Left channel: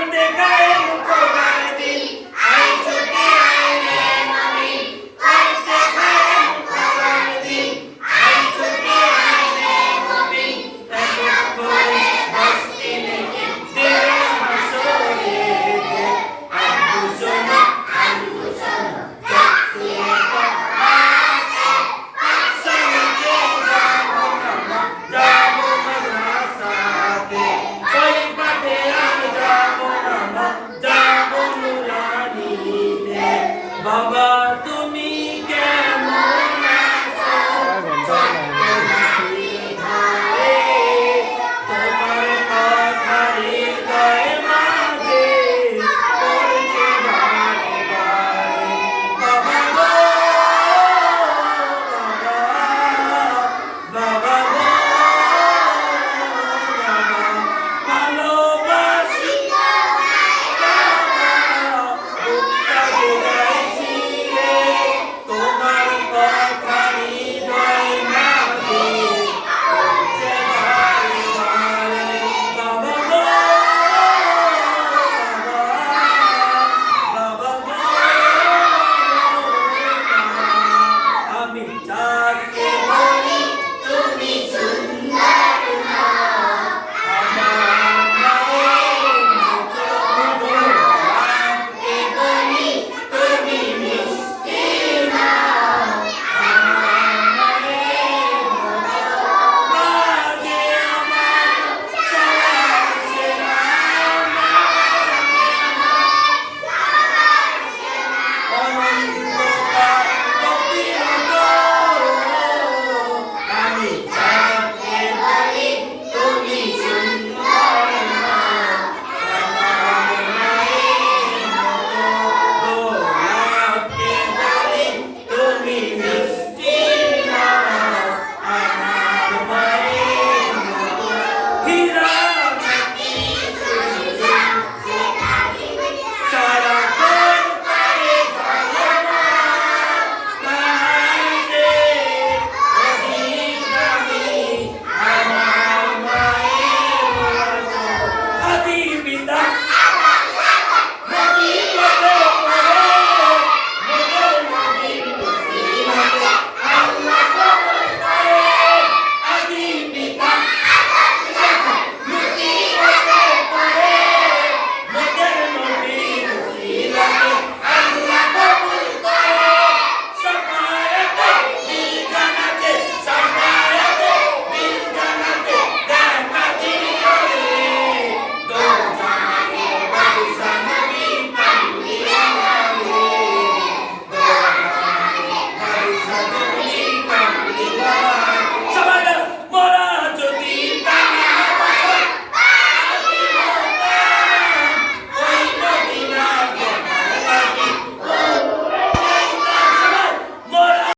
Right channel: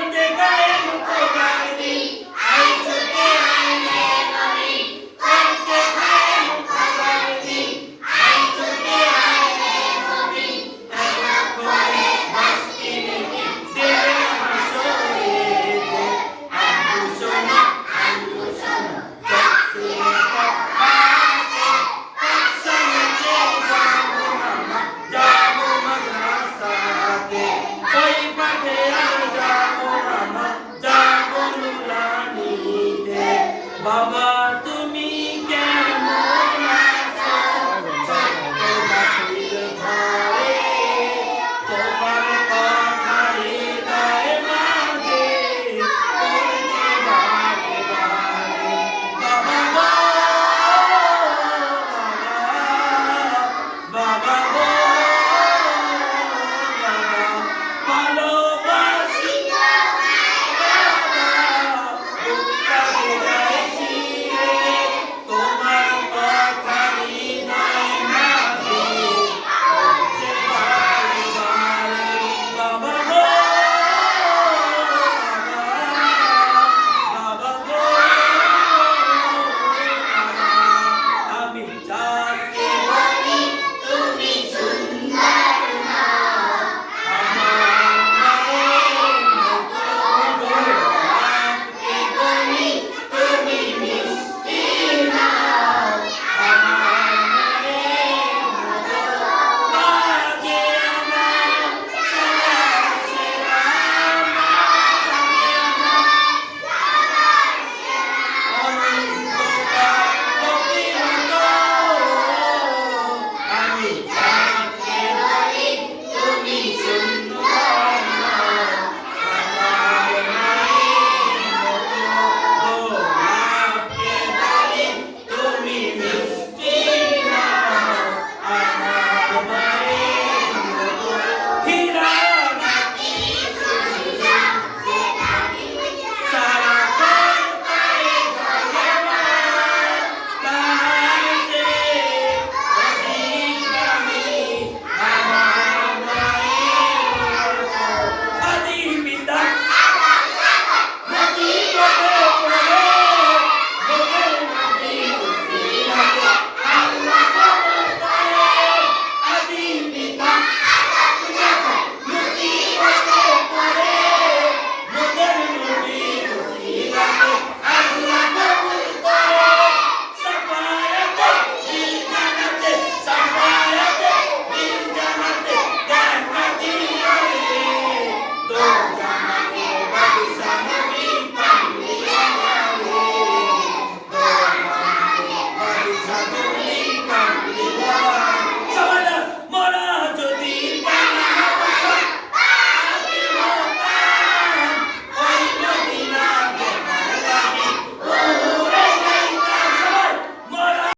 Monday, guys.